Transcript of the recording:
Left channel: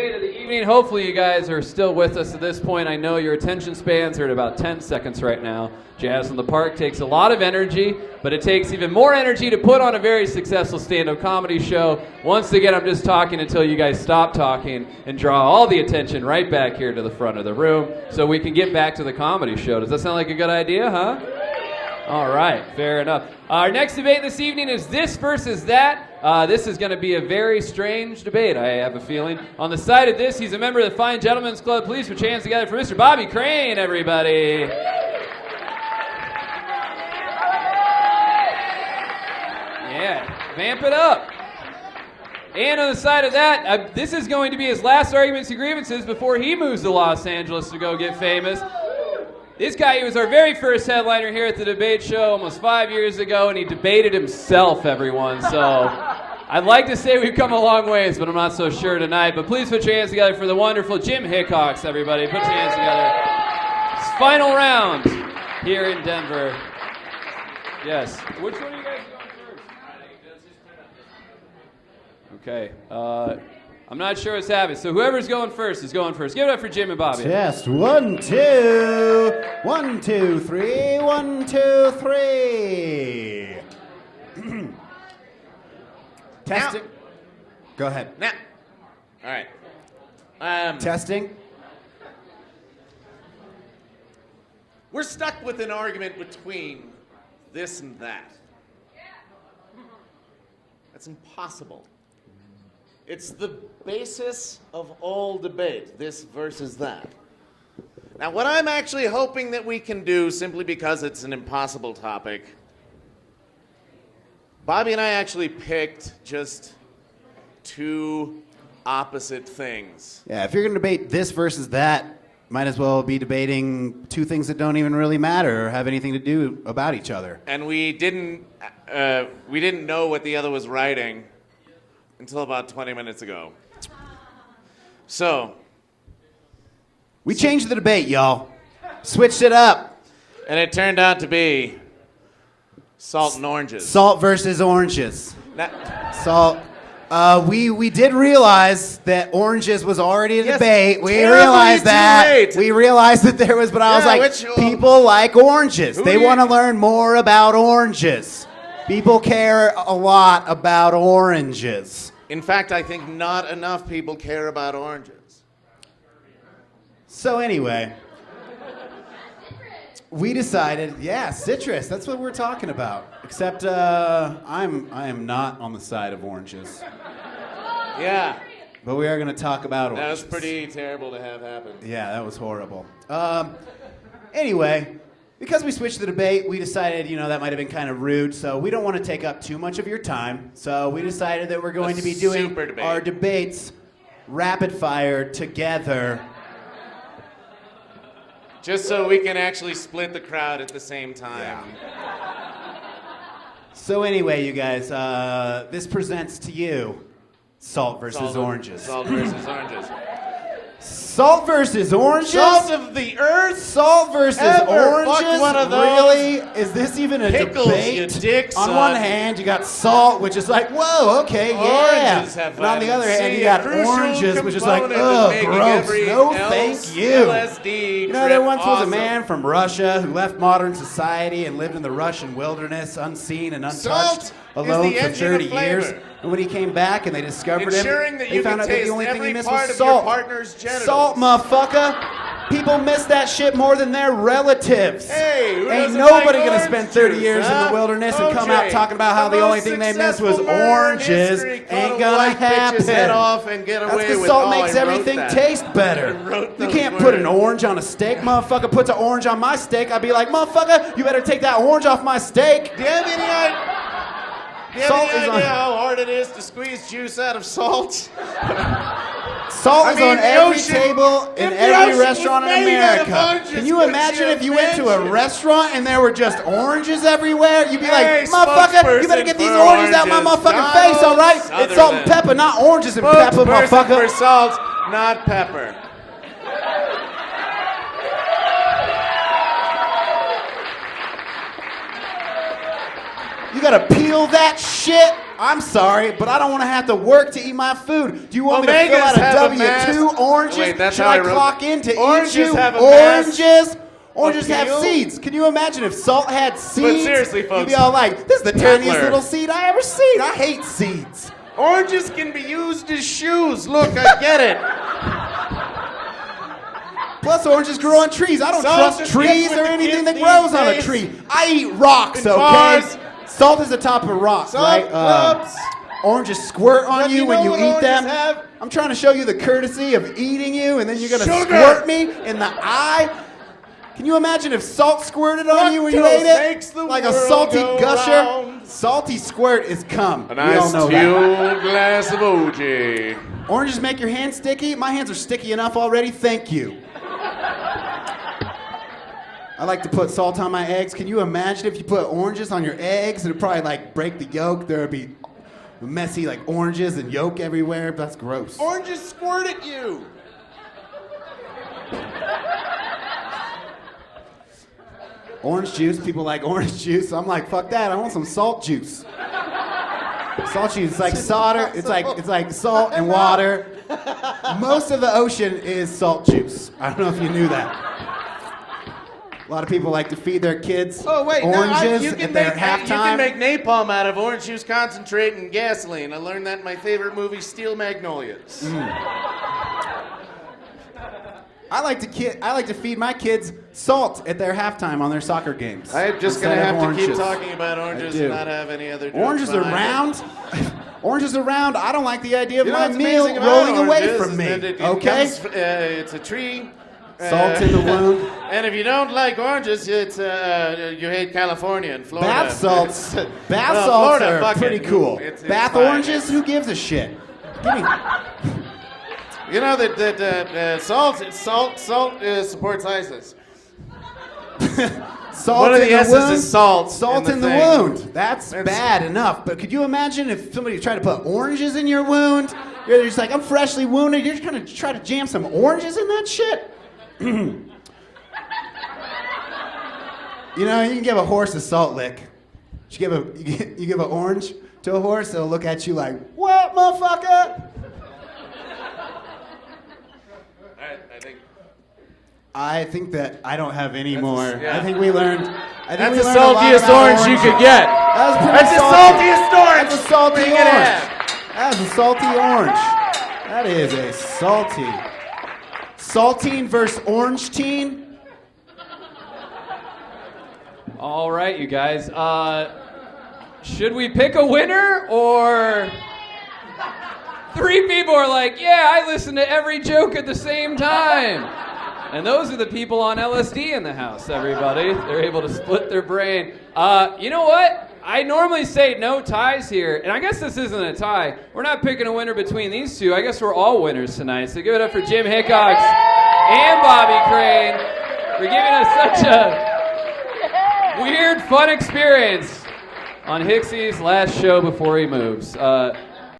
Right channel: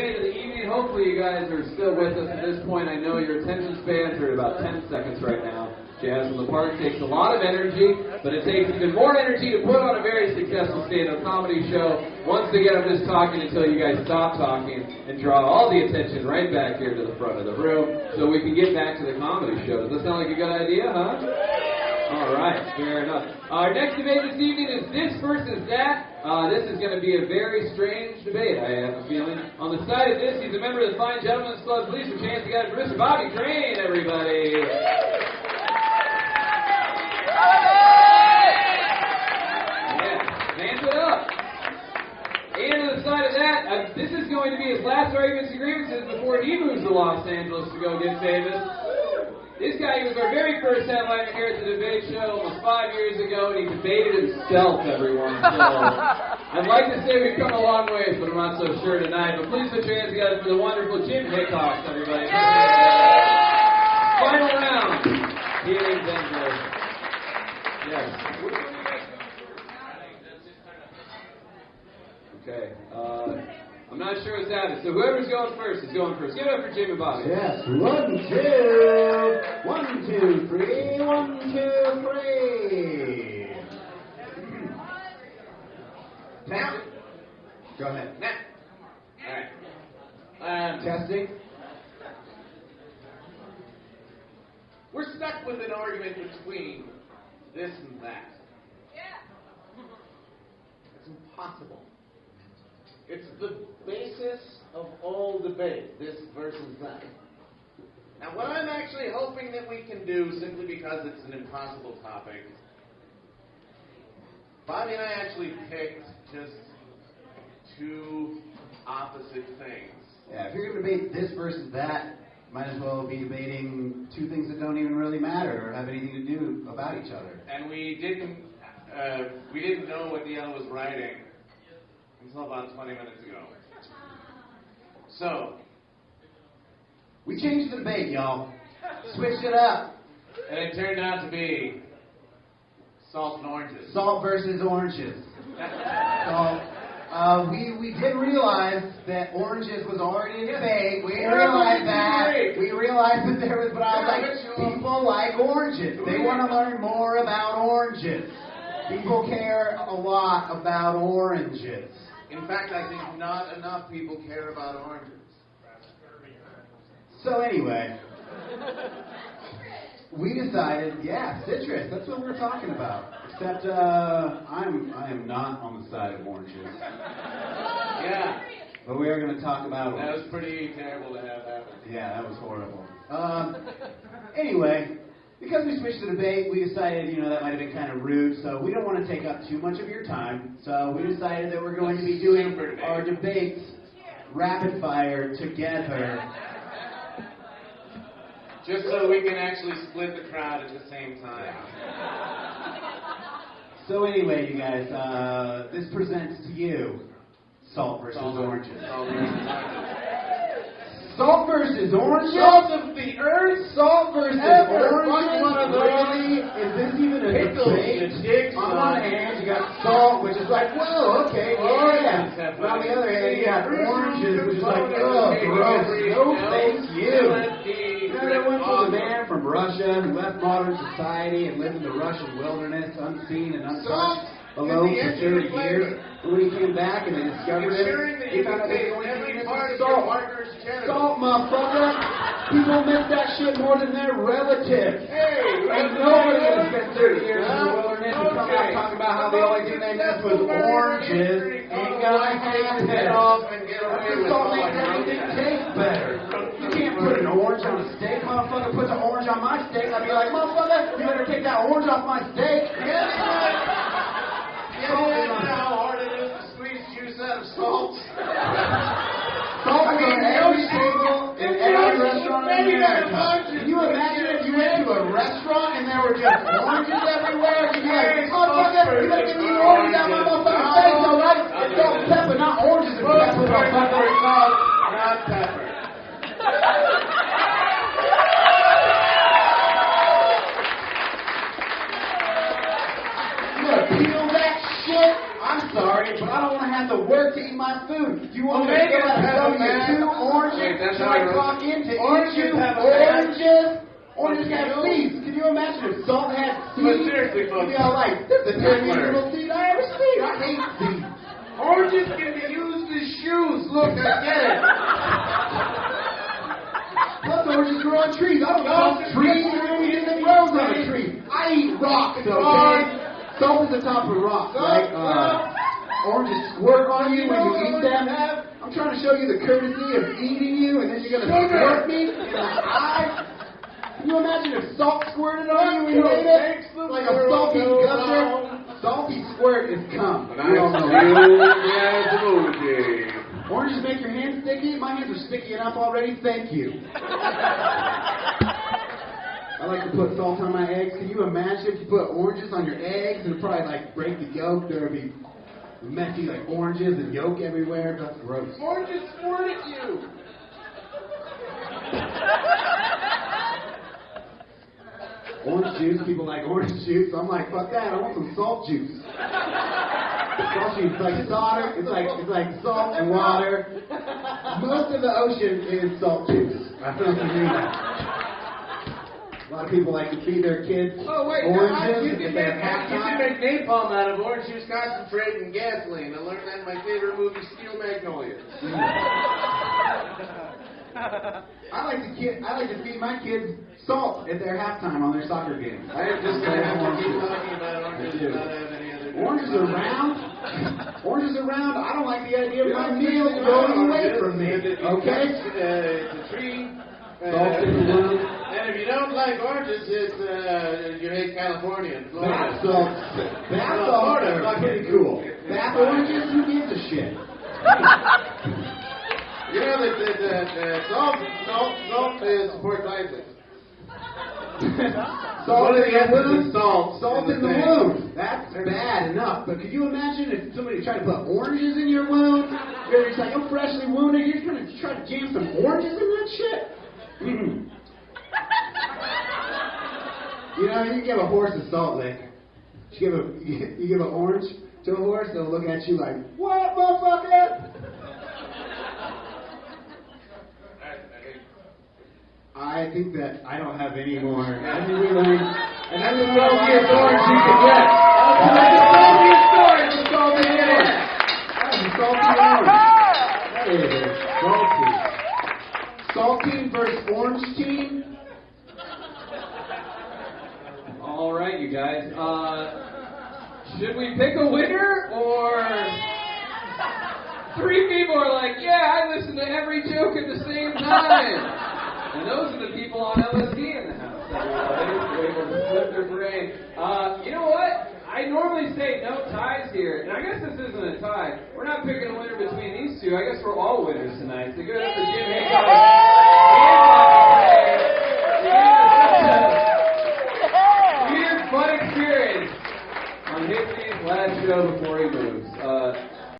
Of the evening. Hopefully you guys are still with us at this point. I know your attention spans are at about 10 seconds right now. Jazz in the Park takes a lot of energy, but it takes even more energy to put on a very successful stand-up comedy show. Once again, I'm just talking until you guys stop talking and draw all the attention right back here to the front of the room so we can get back to the comedy show. Does that sound like a good idea, huh? All right, fair enough. Our next debate this evening is this versus that. This is going to be a very strange debate, I have a feeling. On the side of this, he's a member of the Fine Gentlemen's Club. Please put your hands together for Mr. Bobby Crane, everybody. Yeah, vamp it up. And on the side of that, this is going to be his last arguments and grievances before he moves to Los Angeles to go get famous. This guy, he was our very first headliner here at the debate show almost 5 years ago, and he debated himself, everyone. So I'd like to say we've come a long ways, but I'm not so sure tonight. But please put your hands together for the wonderful Jim Hickox, everybody. Put your hands together. It's final round here in Denver. Yes. Which one are you guys going first? Okay. I'm not sure what's happening. So whoever's going first is going first. Give it up for Jim and Bobby. Test. 1, 2. 1, 2, 3. 1, 2, 3. Test it. Go ahead. Now. All right. Testing. We're stuck with an argument between this and that. That's impossible. It's the basis of all debate, this versus that. Now, what I'm actually hoping that we can do, simply because it's an impossible topic, Bobby and I actually picked just two opposite things. Yeah, if you're going to debate this versus that, might as well be debating two things that don't even really matter or have anything to do about each other. And we didn't know what the other was writing until about 20 minutes ago. So, we changed the debate, y'all. Switched it up. and it turned out to be salt and oranges. Salt versus oranges. That- Salt. We did realize that oranges was already a Yes, debate. We terribly realized that. too late. We realized that there was, but I was Yeah, like, people like oranges. Who They do you- want to learn more about oranges. People care a lot about oranges. In fact, I think not enough people care about oranges. So anyway, we decided, yeah, citrus. That's what we're talking about. Except I am not on the side of oranges. Yeah, But we are going to talk about that oranges. was pretty terrible to have happen. Yeah, that was horrible. Anyway, because we switched the debate, we decided, that might have been kind of rude, so we don't want to take up too much of your time. So we decided that we're going to be doing super debate. our debates rapid fire together. Just so we can actually split the crowd at the same time. So anyway, you guys, this presents to you salt versus oranges. Salt versus oranges. Salt versus oranges? Salt of the earth? Salt versus Ever oranges? fucked one of those? Really? Is this even a Pickles, debate? you dick, On son. one hand, you got salt, which is like, whoa, okay, yeah. Oranges have But on the other hand, you a got crucial oranges, which is like, component ugh, of making gross. every No, else thank you. LSD There trip once was a awesome. man from Russia who left modern society and lived in the Russian wilderness, unseen and untouched, Salt alone is the for engine of 30 years. flavor. And when he came back and they discovered Ensuring him, that they you found can out that the taste only thing he every missed part was of your salt. partner's genitals. Salt, motherfucker. People miss that shit more than their relatives. Hey, who Ain't doesn't nobody like gonna spend orange 30 juice, years in huh? the wilderness and come out OJ, talking about how the only most thing they missed was successful murder in oranges. history, Ain't cut a gonna white bitch's head happen. off and get That's away because with salt all. makes I wrote everything that. taste better. I wrote You those can't put an words. orange on a steak. Motherfucker puts an orange on my steak. I'd be like, motherfucker, you better take that orange off my steak. Do you have Salt any is idea on- how hard it is to squeeze juice out of salt? Salt I is mean, on the every ocean- table in if the every ocean restaurant was in made out of America. oranges, Can you couldn't imagine you if you went to a imagine? restaurant and there were just oranges everywhere? You'd be like, Hey, motherfucker, you better get spokesperson these for oranges out my oranges. motherfucking face, all right? Other It's salt and than- pepper, not oranges and pepper, Spokesperson for motherfucker. salt, not pepper. You gotta peel that shit? I'm sorry, but I don't want to have to work to eat my food. Do you want me to fill Omegas out a have a W-2 oranges? Wait, that's Should how I I wrote- clock in to Oranges eat you? have a mass Oranges have appeal? seeds. Can you imagine if salt had seeds? seriously, You'd folks, be all like, this is the tiniest Hitler. little seed I ever seen. I hate seeds. Oranges can be used as shoes. Look, I get it. Plus, oranges grow on trees. I don't Salt trust is trees good or with anything that kids grows these on a days. tree. I eat rocks, And okay? bars. Salt is the top of rocks, Salt right? clubs. Oranges squirt on But you you when know you what eat oranges them. have? I'm trying to show you the courtesy of eating you, and then you're gonna Sugar. squirt me in the eye. Can you imagine if salt squirted on you when you ate Lactose makes it? the Like a world salty go gusher. round. Salty squirt is cum. A We all nice know teal that. glass of OJ. Oranges make your hands sticky? My hands are sticky enough already, thank you. I like to put salt on my eggs. Can you imagine if you put oranges on your eggs? It'd probably like break the yolk. There'd be messy like oranges and yolk everywhere. That's gross. Oranges squirt at you. Orange juice, people like orange juice. I'm like, fuck that. I want some salt juice. Salt juice, it's like solder. It's like salt and water. Most of the ocean is salt juice. I don't know if you knew that. A lot of people like to feed their kids Oh wait, oranges you at can their make you halftime. can make napalm out of orange juice concentrate and gasoline. I learned that in my favorite movie, Steel Magnolias. I like to feed my kids salt at their halftime on their soccer games. I'm just Instead gonna of have to keep oranges. talking about oranges I do. and not have any other. jokes Oranges are behind round. it. Oranges are round. I don't like the idea of You know my what's meal amazing about rolling away oranges from is me. that it Okay? comes, it's a tree. Salt in the womb. And if you don't like oranges, it's you hate California and Florida. Bath salts. Bath No, salts Florida, are fuck pretty it. cool. It's Bath fine. oranges. Who gives a shit? Give me- You know that salt supports ISIS. Salt One of in the S's wound. is salt. Salt in in the thing. wound. That's It's- bad enough. But could you imagine if somebody tried to put oranges in your wound? You're just like, I'm freshly wounded. You're just gonna try to jam some oranges in that shit? You know, you can give a horse a salt lick. You give an orange to a horse, it'll look at you like, what, motherfucker? I think that I don't have any more. yeah. I think we learned. That's the saltiest orange you could get. That was pretty That's the salty. saltiest orange. That's a salty you can orange. have. That is a salty orange. That is a salty. Saltine versus orange teen. All right, you guys. Should we pick a winner or? 3 people are like, yeah, I listen to every joke at the same time. And those are the people on LSD in the house, everybody. They're able to split their brain. You know what? I normally say no ties here, and I guess this isn't a tie. We're not picking a winner between these two. I guess we're all winners tonight. So give it up for Jim Hickox and Bobby Crane for giving us such a weird, fun experience on Hicksy's last show before he moves.